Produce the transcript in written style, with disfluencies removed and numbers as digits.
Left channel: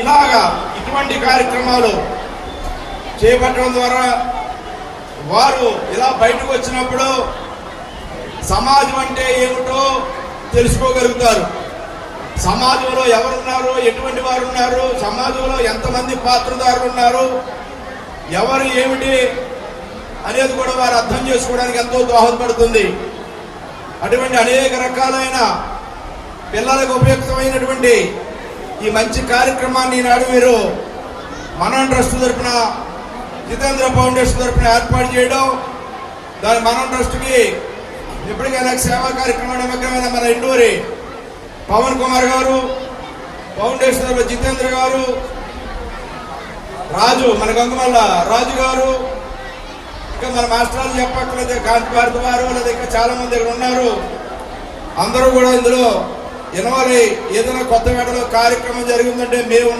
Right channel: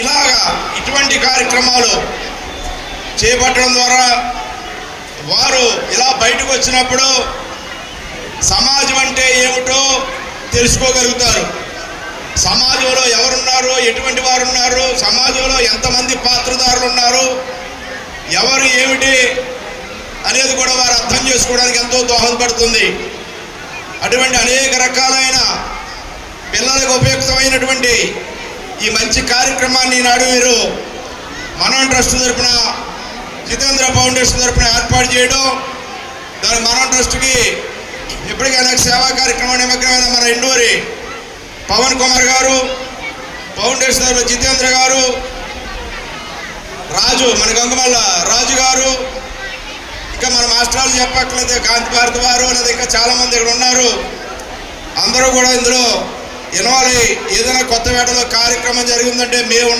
ఇలాగా ఇటువంటి కార్యక్రమాలు చేపట్టడం ద్వారా వారు ఇలా బయటకు వచ్చినప్పుడు సమాజం అంటే ఏమిటో తెలుసుకోగలుగుతారు. సమాజంలో ఎవరున్నారు, ఎటువంటి వారు ఉన్నారు, సమాజంలో ఎంతమంది పాత్రదారులు ఉన్నారు, ఎవరు ఏమిటి అనేది కూడా వారు అర్థం చేసుకోవడానికి ఎంతో దోహదపడుతుంది. అటువంటి అనేక రకాలైన పిల్లలకు ఉపయుక్తమైనటువంటి ఈ మంచి కార్యక్రమాన్ని ఈనాడు వీరు మనం ట్రస్ట్ తరఫున, జితేంద్ర ఫౌండేషన్ తరఫున ఏర్పాటు చేయడం, దాని మనం ట్రస్ట్కి ఇప్పటికైనా సేవా కార్యక్రమం నిమగ్నమైన మన ఎండూరి పవన్ కుమార్ గారు, ఫౌండేషన్ తరఫున జితేంద్ర గారు, రాజు మన గంగమల్ల రాజు గారు, ఇంకా మన మాస్టర్లు చెప్పక్కర్లేదు, కాంతి భారతి వారు, లేదా ఇంకా చాలామంది ఇక్కడ ఉన్నారు. అందరూ కూడా ఇందులో ఇన్వాల్వ్ అయ్యి ఏదైనా కొత్త వేటలో కార్యక్రమం జరిగిందంటే మేము